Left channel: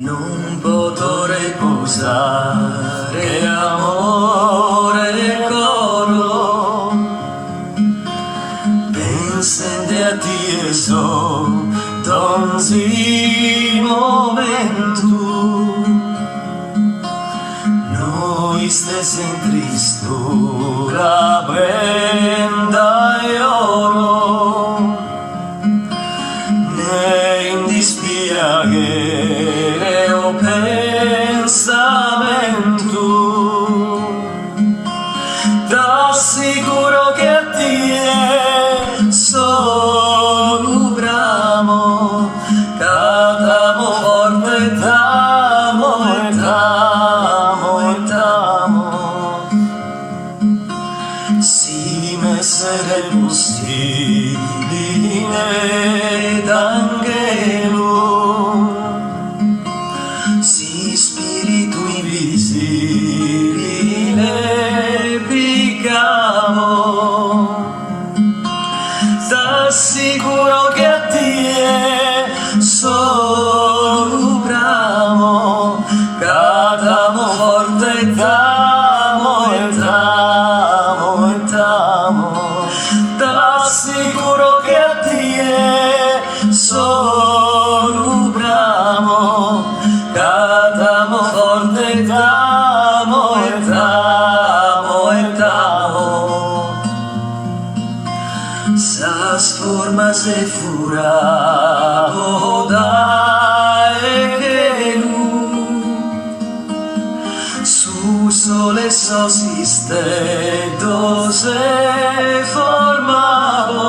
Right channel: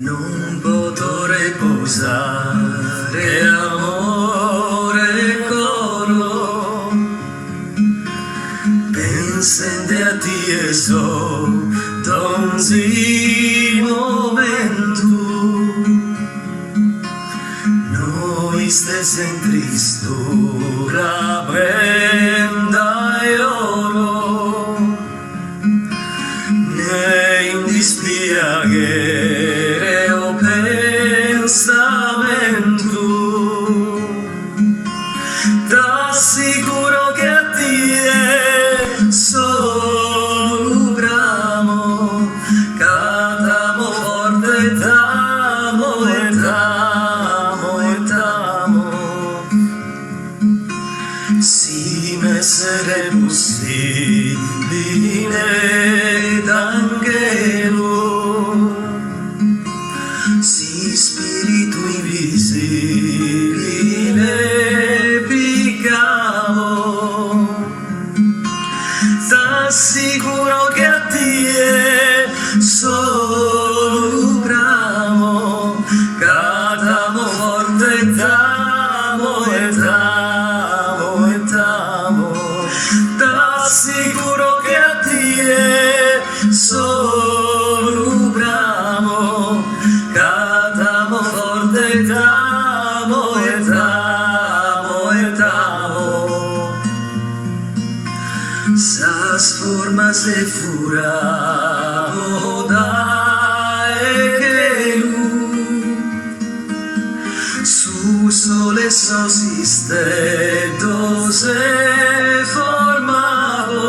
Non potrò riposare, amore e coro, pensando a te so, donzi momento, noi stessi in tristura, prenda e oro, ne in dispiacere pensamento, t'assicuro che a te sono bramo, cadamo forte e t'amo e t'amo e t'amo. Si m'essere possibile d'angelo, si spirito invisibile piccavo, t'assicuro che a te sono bramo, cadamo forte e t'amo e t'amo e t'amo, t'assicuro che a te sono bramo, cadamo forte e t'amo e t'amo e t'amo. Sas formas e furavo da e che lu su sole sosiste se formavo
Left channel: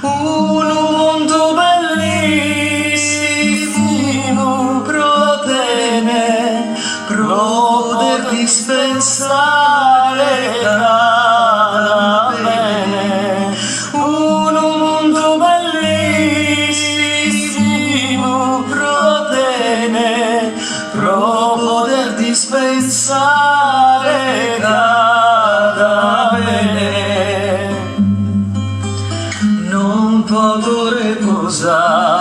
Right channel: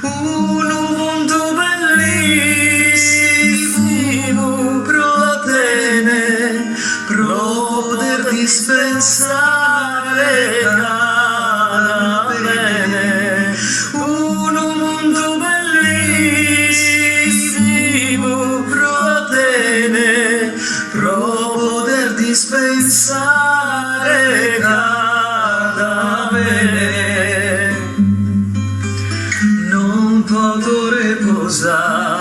un mondo bellissimo protene pro poter dispensare cada bene, un mondo bellissimo protene pro poter dispensare cada bene. Non potrò riposare